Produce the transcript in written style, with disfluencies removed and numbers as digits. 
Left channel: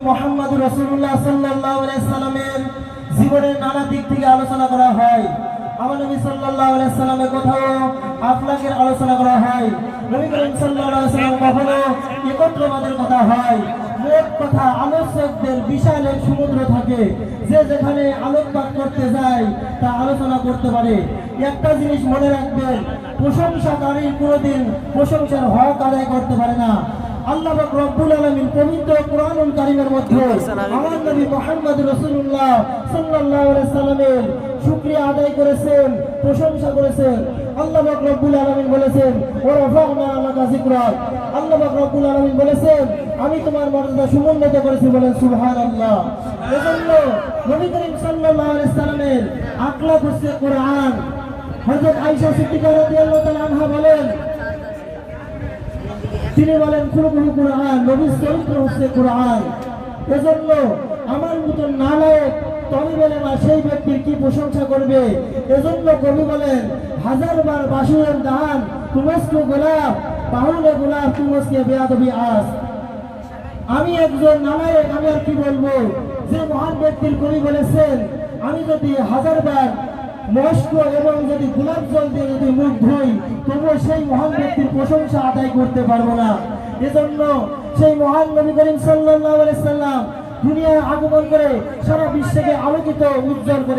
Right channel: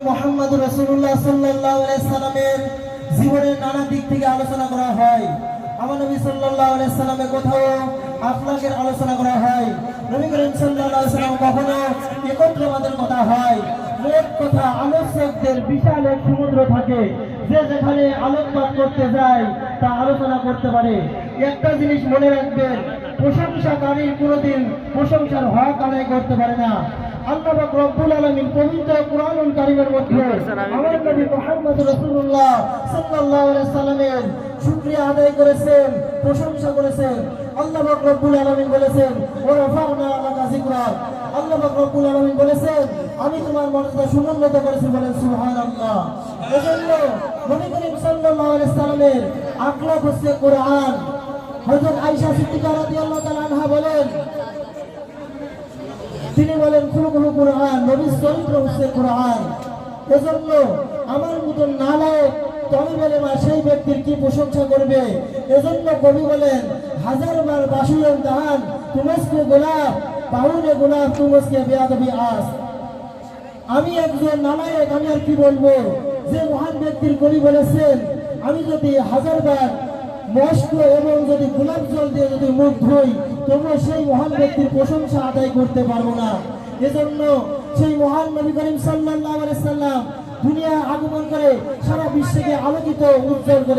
মুহাম্মদ রাসূলুল্লাহ সাল্লাল্লাহু আলাইহি সাল্লামের জীবনের নানা দিক থেকে আলোচনা করা হয়। আমার নবী সাল্লাল্লাহু আলাইহি সাল্লামের কোথাও আখলাকের আলোচনা করা হয়। নবী করিম সাল্লাল্লাহু আলাইহি সাল্লাম কখনো একত্রবাদের কথা হয়। মোট কথা আলোচকদের বিশাল এক সমুদ্র থাকে, যে যেখানে আলোকপাত করতে যায় তা আলোচনা করতে পারে। একটা জিনিস মনে রাখবেন, প্রশংসাকারীর কোনোদিন প্রশংসার হক আদায় করতে পারে না। আল্লাহ পাক রব্বুল আলামিন পবিত্র কুরআনুল কারীমের মধ্যে আমার নবী মুহাম্মদ রাসূলুল্লাহ সাল্লাল্লাহু আলাইহি সাল্লামের শুকরিয়া আদায় করেছেন, প্রশংসা করেছেন। আল্লাহ পাক রব্বুল আলামিন বলেছেন, ওয়া রাফা'না লাকা যিকরাক। আল্লাহ পাক রব্বুল আলামিন বলেছেন, আমি তোমার মর্যাদা সমুন্নত করেছি। বলেন সুবহানাল্লাহ। এজন্য নবী করিম সাল্লাল্লাহু আলাইহি সাল্লামের আখলাক হচ্ছে কোরআন। হযরত আয়েশা সিদ্দিকা রাদিয়াল্লাহু তাআলা আনহা বলেন, তিনি বলেন খুলুকুল কুরআন, নবীর চরিত্র হচ্ছে কোরআন। এজন্য আমার মতো নালায়েক তুমি বলে না সেই ব্যক্তির কি প্রশংসা করবে। এজন্য কবি বলেন, হাজারবার বাসুরের দান তুমস্কু গোলাপ পাহুনে গোলাপ তুমস্কে বেয়াদবি আস। আমি একজন নালায়েক, আমি আর কি বলবো। যে মহান ব্যক্তির কবি বলেছেন, আমি যদি হাজারবার মস্ক এবং যদি গোলাপ জল দিয়ে যদি মুখ ধুই, তবুও সেই মহান ব্যক্তির প্রশংসা আদায় করতে পারবো না। এজন্য সেই মহান নবী করিম সাল্লাল্লাহু আলাইহি সাল্লাম দুনিয়ায় আগমন করে সারা বিশ্বকে আলোকিত উজ্জ্বল করে